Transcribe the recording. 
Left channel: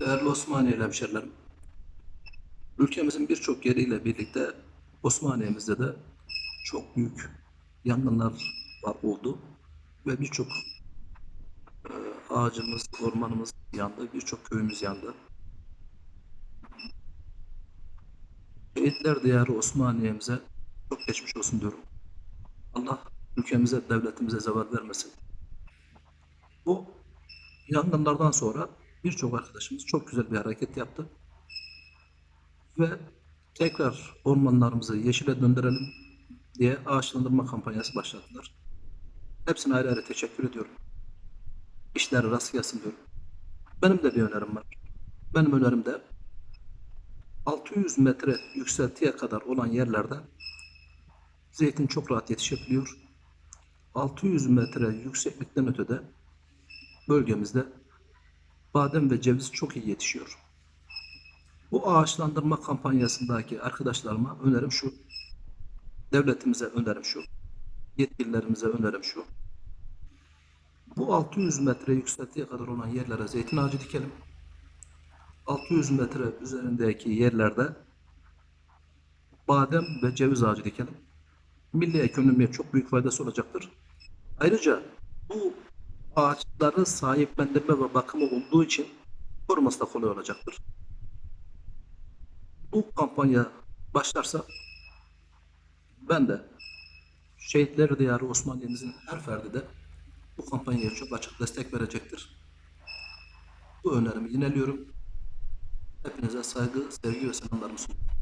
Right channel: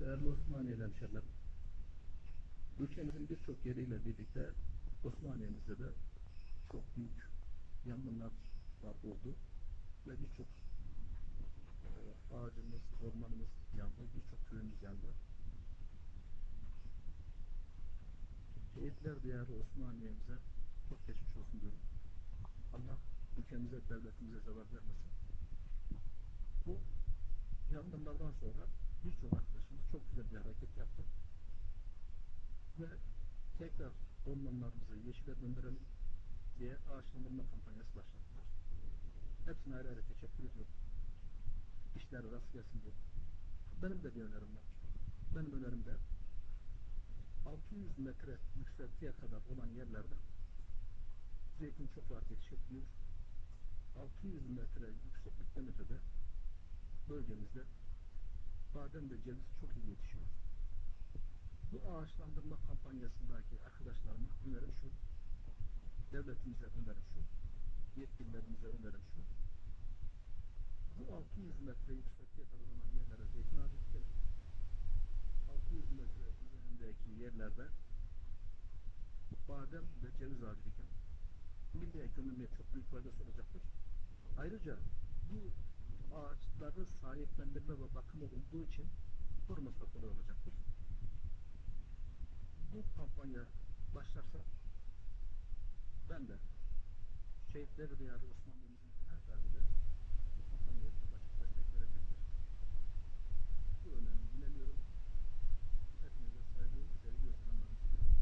Değerli Osmaniyeli hemşerilerim, ülkemizin birçok yeriyle birlikte Osmaniye'mizde de çok büyük yangınlar var oldu ve birçok e, ağacımız, ormanımız yandı, birçok köyümüz yandı. Şehitler diyarı Osmaniye'mize çok geçmiş olsun diyorum. Allah ülkemize, devletimize zeval vermesin. Bu yangınlardan sonra birçok arkadaşımız çok güzel bir hareket yaptı. Ve tekrar ormanlarımızı yeşile döndürelim diye ağaçlandırma kampanyası başlattılar. Hepsine ayrı ayrı teşekkür ediyorum. İşleri rast gelsin diyorum. Benim de bir önerim var. Benim önerim de 600 metre yükseltiye kadar olan yerlerde zeytin çok rahat yetişebiliyor. 600 metre yükseklikten ötede bölgemizde badem ve ceviz çok iyi yetişiyor. Bu ağaçlandırma kampanyasındaki arkadaşlarıma önerim şu. Devletimize önerim şu. Yetkililerimize önerim şu. Bu 600 metre yükseltiye kadar olan yerlere zeytin ağacı dikelim. 600 metre üzerindeki yerlerde badem ve ceviz ağacı dikelim. Milli ekonomiye çok büyük faydası olacaktır. Ayrıca bu ağaçları sahiplendirme ve bakımı olduğu için koruması da kolay olacaktır. Bu kampanya başlarsa ben de Şehitler Diyarı Osmaniye'mizin her ferdi de bu kampanyaya çok açık destek verecektir. Bu önerimi yineliyorum. Hepinize saygı, sevgi ve selamlarımı sunuyorum.